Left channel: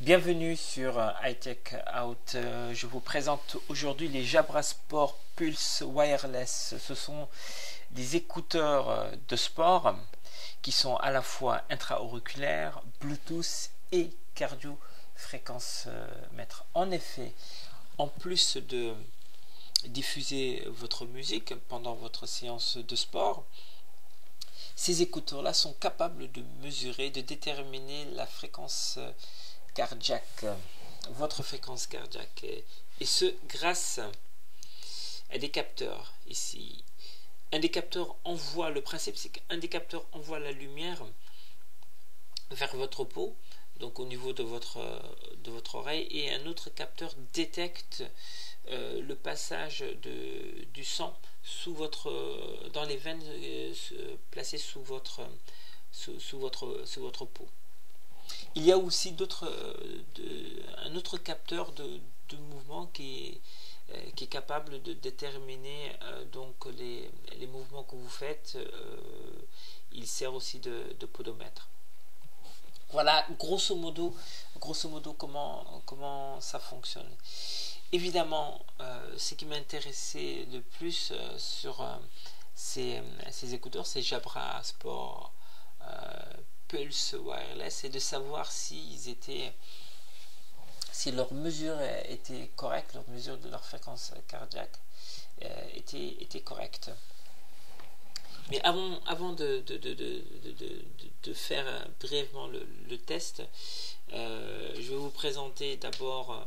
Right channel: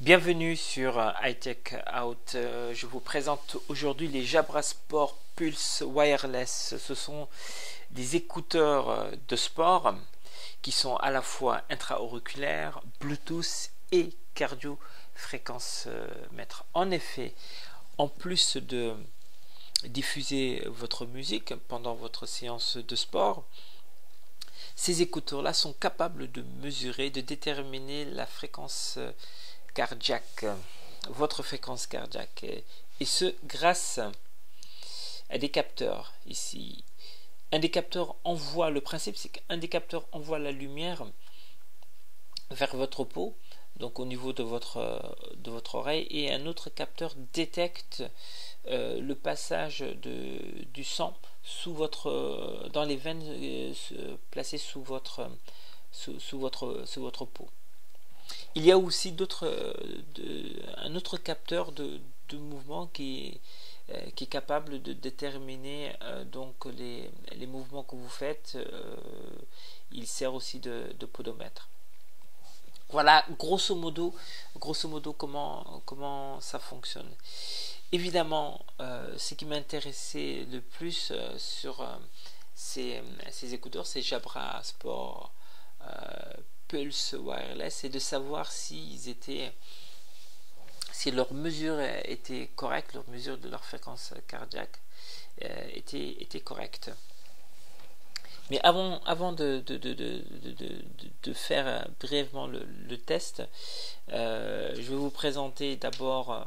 Bienvenue sur iTech Out. Je vous présente aujourd'hui les Jabra Sport Pulse Wireless. Ce sont des écouteurs de sport qui sont à la fois intra-auriculaires, Bluetooth et cardio-fréquence mètre. En effet, en plus de diffuser votre musique pendant votre séance de sport, ces écouteurs-là sont capables de mesurer, de déterminer la fréquence cardiaque, votre fréquence cardiaque, et ce grâce à des capteurs ici. Un des capteurs envoie, le principe c'est qu'un des capteurs envoie la lumière vers votre peau, donc au niveau de votre oreille, et un autre capteur détecte le passage du sang dans les veines placées sous votre peau. Il y a aussi un autre capteur de mouvement qui est capable de déterminer donc les mouvements que vous faites. Il sert aussi de podomètre. Voilà grosso modo comment ça fonctionne. Évidemment, ce qui m'intéressait le plus sur ces écouteurs, c'est Jabra Sport Pulse Wireless, c'est de savoir si leur mesure était correcte, leur mesure de leur fréquence cardiaque était correcte. Mais avant de faire brièvement le test, je vais vous présenter d'abord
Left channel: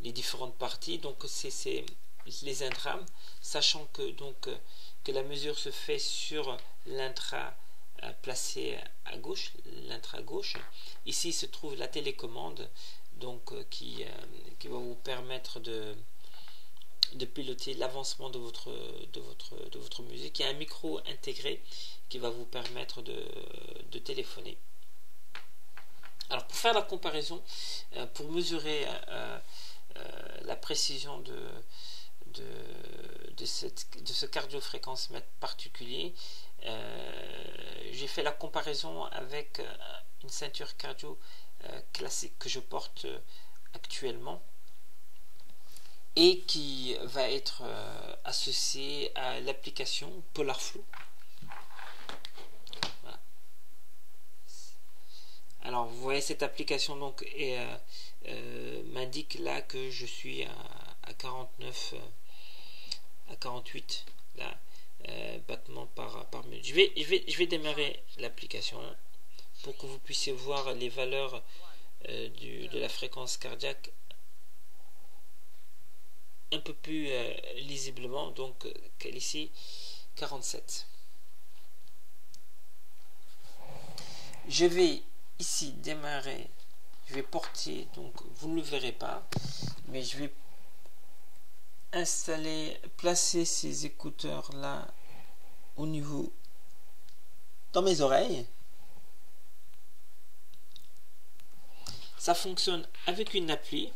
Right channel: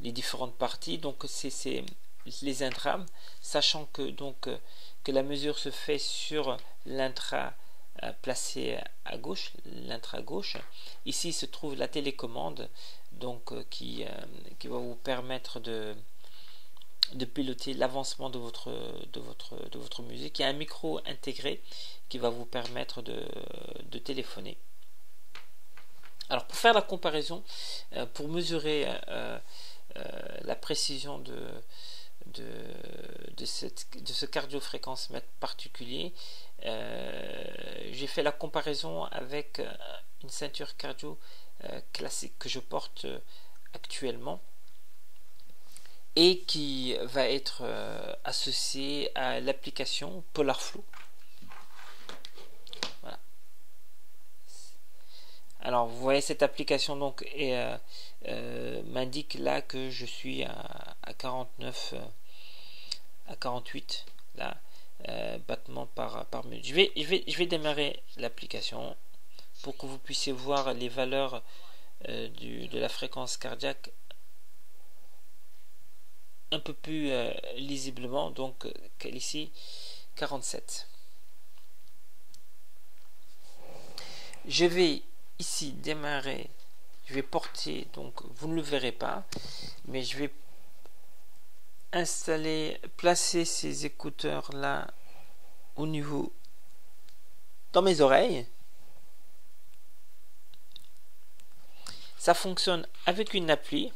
les différentes parties. Donc c'est les intrames, sachant que la mesure se fait sur l'intra placé à gauche, l'intra gauche. Ici se trouve la télécommande, donc qui va vous permettre de piloter l'avancement de votre musique. Il y a un micro intégré qui va vous permettre de téléphoner. Alors pour faire la comparaison, pour mesurer la précision de ce cardiofréquence mètre particulier, j'ai fait la comparaison avec une ceinture cardio classique que je porte actuellement et qui va être associée à l'application PolarFlow. Voilà. Alors vous voyez, cette application donc m'indique là que je suis à 49 à 48 là, battements par minute. Je vais démarrer l'application pour que vous puissiez voir les valeurs de la fréquence cardiaque un peu plus lisiblement. Donc ici 47. Je vais ici démarrer, je vais porter, donc vous ne le verrez pas, mais je vais placer ces écouteurs là au niveau dans mes oreilles. Ça fonctionne avec une appli.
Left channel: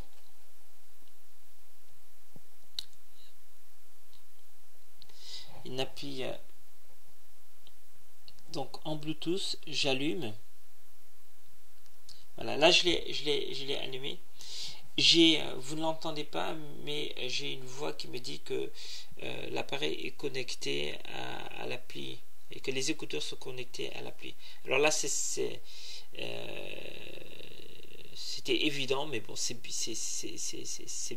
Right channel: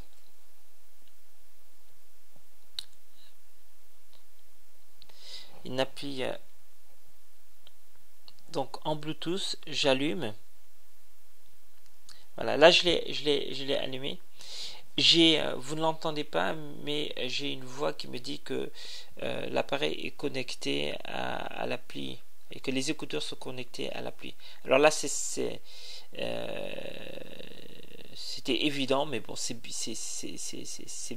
Une appli donc en Bluetooth. J'allume. Voilà, là je l'ai allumé. Vous ne l'entendez pas, mais j'ai une voix qui me dit que l'appareil est connecté à l'appli et que les écouteurs sont connectés à l'appli. Alors là, c'était évident, mais bon, c'est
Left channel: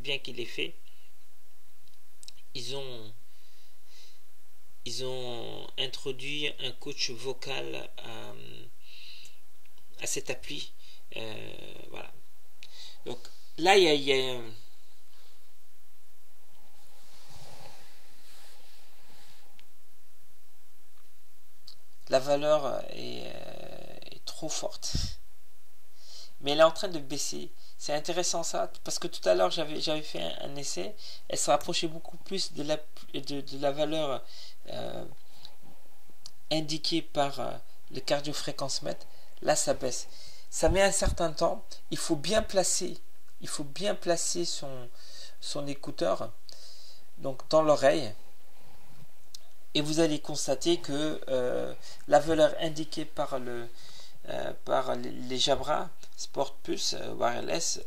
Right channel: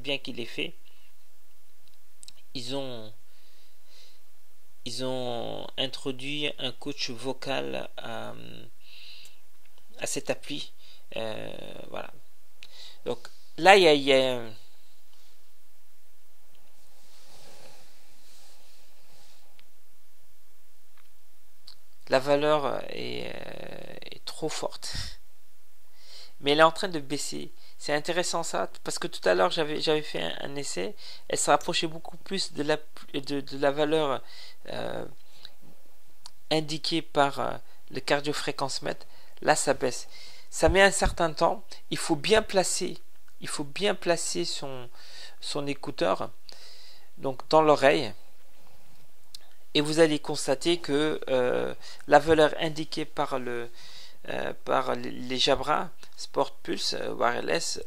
bien qu'il l'ait fait. Ils ont introduit un coach vocal à cette appli. Voilà. Donc là, il y a la valeur est trop forte, mais elle est en train de baisser. C'est intéressant ça, parce que tout à l'heure j'avais fait un essai, elle se rapprochait beaucoup plus de la valeur indiquée par le cardiofréquence mètre. Là ça baisse. Ça met un certain temps. Il faut bien placer son écouteur donc dans l'oreille, et vous allez constater que la valeur indiquée par le par les Jabra Sport Pulse Wireless.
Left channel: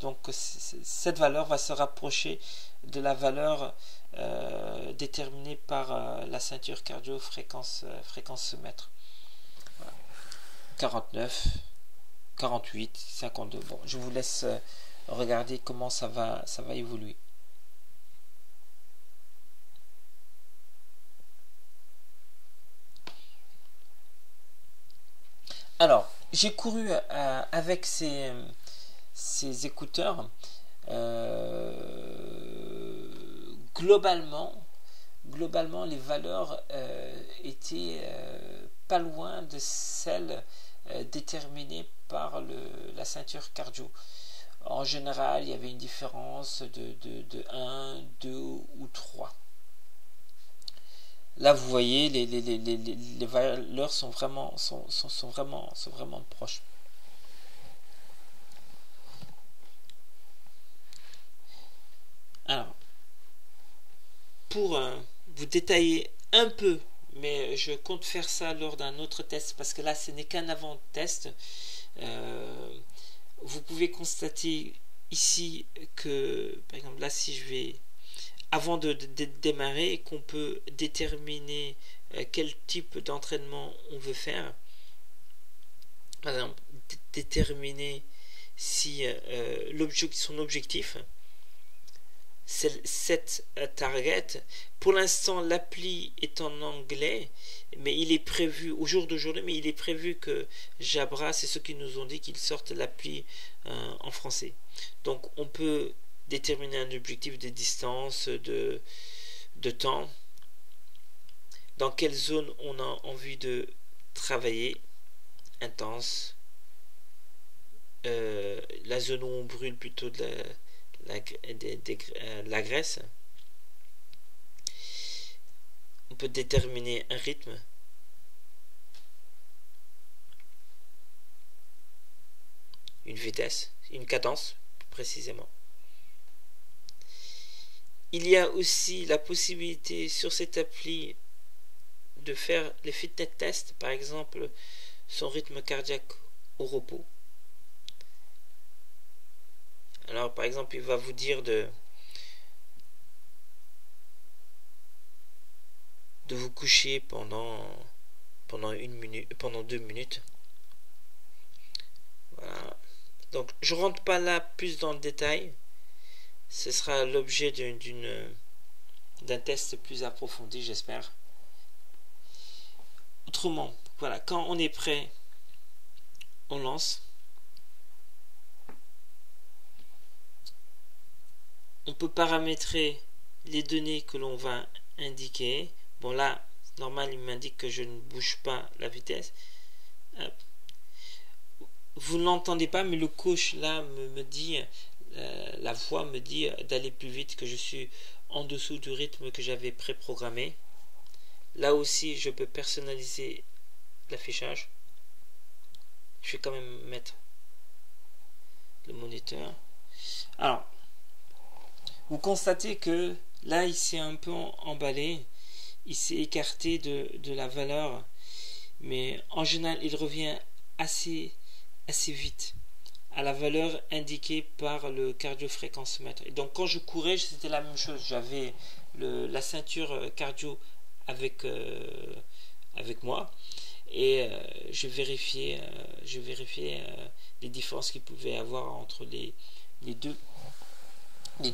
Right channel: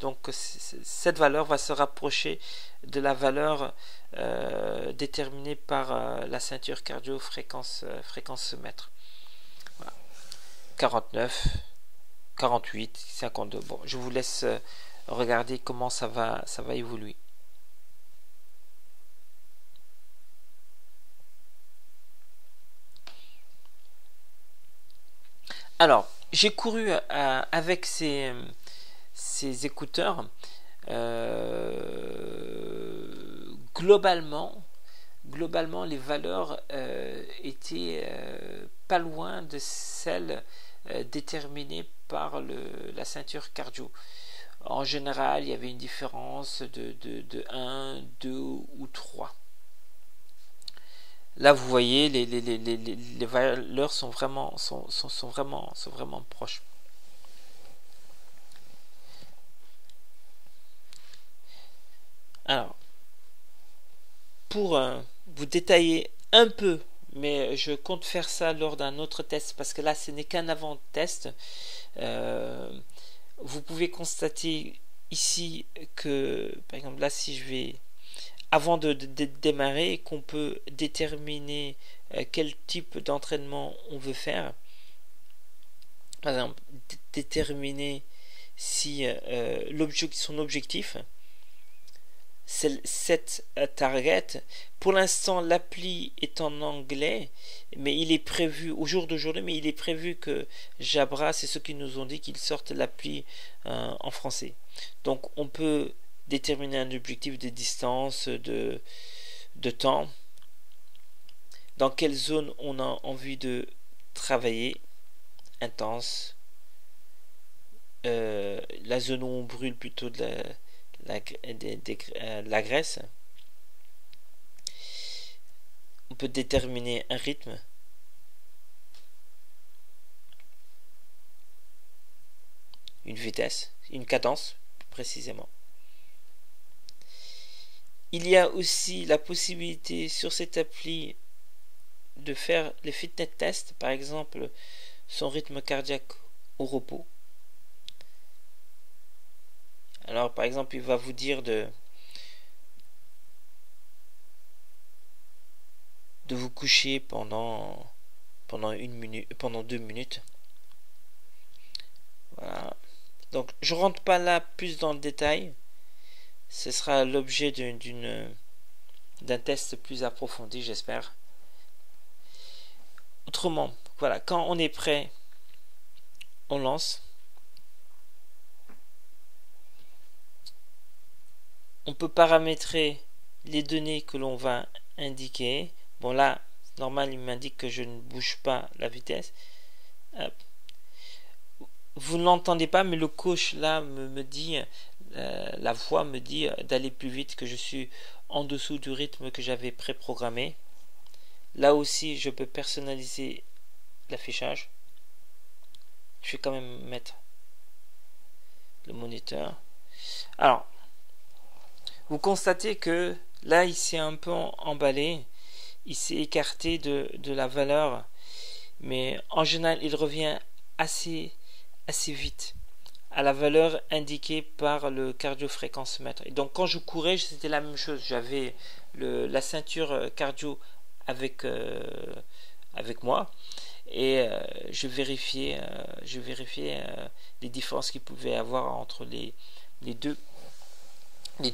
Donc cette valeur va se rapprocher de la valeur déterminée par la ceinture cardio fréquence mètre. Voilà. 49, 48, 52. Bon, je vous laisse regarder comment ça va évoluer. Alors, j'ai couru avec ces écouteurs. Globalement, les valeurs étaient pas loin de celles déterminées par la ceinture cardio. En général, il y avait une différence de 1, 2 ou 3. Là, vous voyez, les valeurs sont vraiment proches. Alors, pour vous détailler un peu, mais je compte faire ça lors d'un autre test, parce que là, ce n'est qu'un avant-test. Vous pouvez constater ici que, par exemple, là, si je vais... Avant de démarrer, qu'on peut déterminer quel type d'entraînement on veut faire. Par exemple, déterminer si son objectif, cette target. Pour l'instant, l'appli est en anglais, mais il est prévu, au jour d'aujourd'hui, mais il est prévu que Jabra, c'est ceux qui nous ont dit qu'ils sortent l'appli en français. Donc, on peut déterminer un objectif de distance, de temps, dans quelle zone on a envie de travailler, intense, la zone où on brûle plutôt de la graisse. On peut déterminer un rythme, une vitesse, une cadence précisément. Il y a aussi la possibilité sur cette appli de faire les fitness tests, par exemple son rythme cardiaque au repos. Alors par exemple, il va vous dire de vous coucher pendant 1 minute, pendant 2 minutes. Voilà. Donc je rentre pas là plus dans le détail. Ce sera l'objet d'un test plus approfondi, j'espère. Autrement, voilà, quand on est prêt, on lance. On peut paramétrer les données que l'on va indiquer. Bon là, normal, il m'indique que je ne bouge pas la vitesse. Hop. Vous ne l'entendez pas, mais le coach là me dit, la voix me dit d'aller plus vite, que je suis en dessous du rythme que j'avais préprogrammé. Là aussi, je peux personnaliser l'affichage. Je vais quand même mettre le moniteur. Alors, vous constatez que là, il s'est un peu emballé. Il s'est écarté de la valeur. Mais en général, il revient assez vite à la valeur indiquée par le cardio-fréquence-mètre. Et donc quand je courais, c'était la même chose. J'avais la ceinture cardio avec moi et je vérifiais les différences qu'il pouvait y avoir entre les deux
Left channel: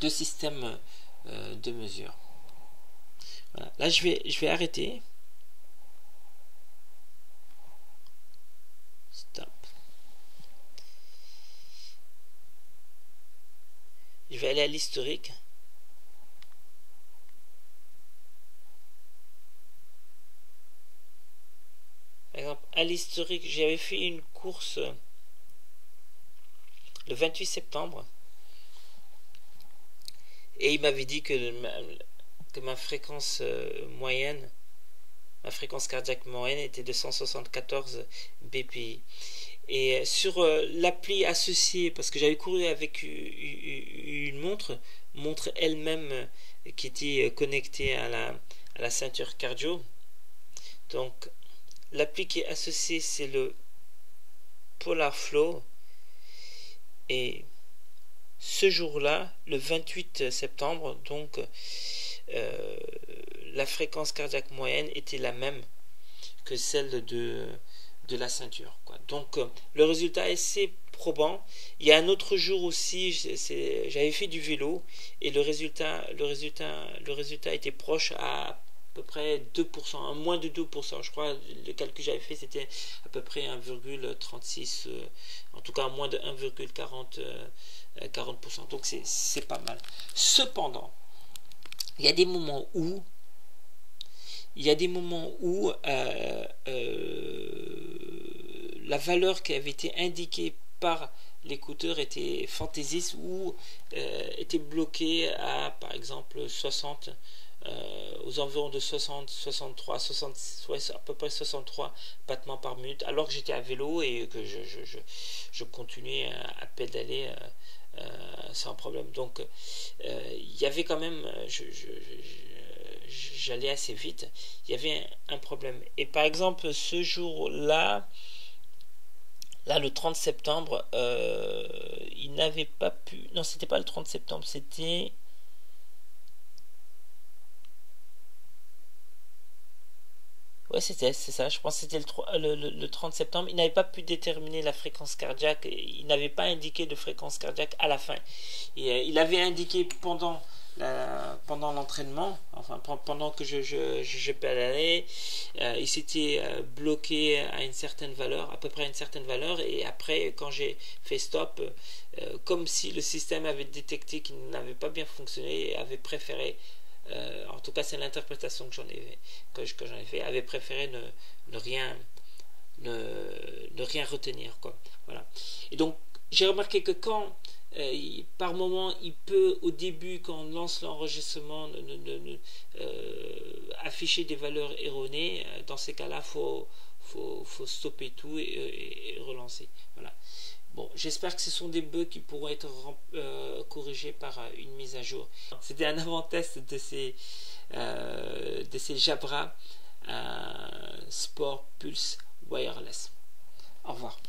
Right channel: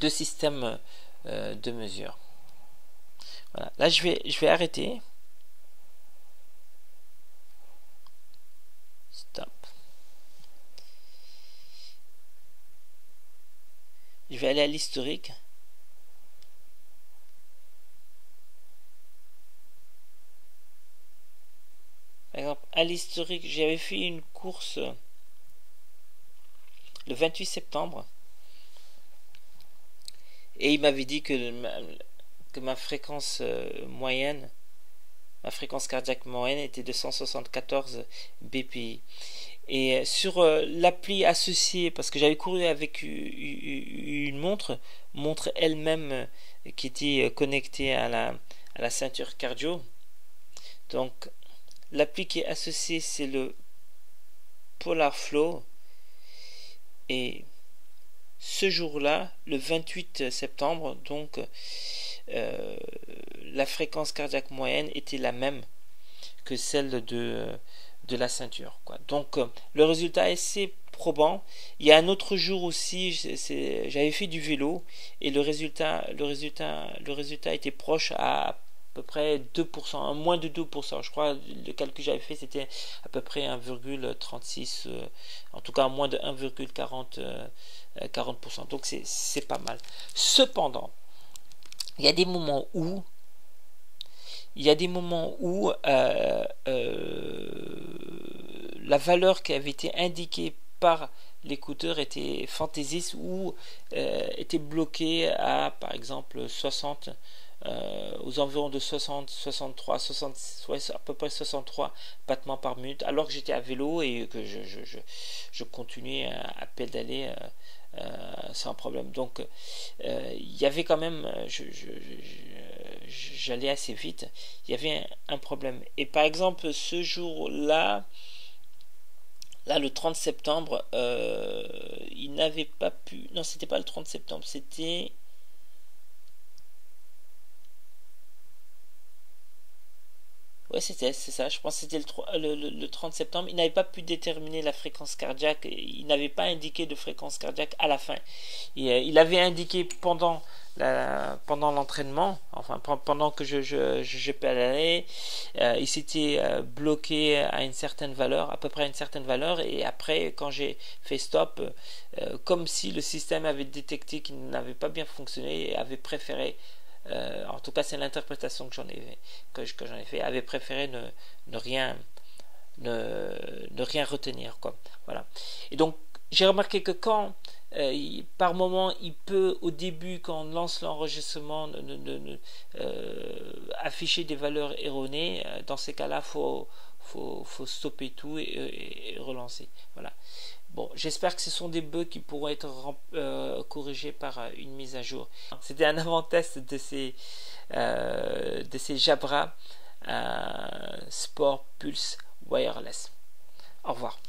systèmes de mesure. Voilà. Là, je vais arrêter. Stop. Je vais aller à l'historique. Par exemple, à l'historique, j'avais fait une course le 28 septembre. Et il m'avait dit que ma fréquence moyenne, ma fréquence cardiaque moyenne était de 174 BPI. Et sur l'appli associée, parce que j'avais couru avec une montre elle-même qui était connectée à la ceinture cardio. Donc l'appli qui est associée, c'est le Polar Flow. Et ce jour-là, le 28 septembre, donc la fréquence cardiaque moyenne était la même que celle de la ceinture, quoi. Donc le résultat est assez probant. Il y a un autre jour aussi, j'avais fait du vélo et le résultat était proche à peu près 2%, moins de 2%. Je crois le calcul que j'avais fait c'était à peu près 1,36, en tout cas moins de 1,40%. Donc c'est pas mal. Cependant, il y a des moments où la valeur qui avait été indiquée par l'écouteur était fantaisiste ou était bloquée à par exemple 60, aux environs de 60, 63, 60, ouais, à peu près 63 battements par minute, alors que j'étais à vélo et que je continuais à pédaler sans problème. Donc il y avait quand même, j'allais assez vite, il y avait un problème. Et par exemple, ce jour-là, le 30 septembre, il n'avait pas pu... Non, c'était pas le 30 septembre, c'était... Ouais, c'est ça, je pense que c'était le 30 septembre. Il n'avait pas pu déterminer la fréquence cardiaque, il n'avait pas indiqué de fréquence cardiaque à la fin. Et, il avait indiqué pendant l'entraînement, enfin pendant que je pédalais, il s'était bloqué à une certaine valeur, à peu près à une certaine valeur, et après quand j'ai fait stop, comme si le système avait détecté qu'il n'avait pas bien fonctionné et avait préféré, en tout cas c'est l'interprétation que j'en ai fait, avait préféré ne rien retenir, quoi. Voilà. Et donc j'ai remarqué que quand par moment il peut au début quand on lance l'enregistrement afficher des valeurs erronées, dans ces cas-là faut stopper tout et relancer. Voilà. Bon, j'espère que ce sont des bugs qui pourront être corrigés par une mise à jour. C'était un avant-test de ces Jabra Sport Pulse Wireless. Au revoir.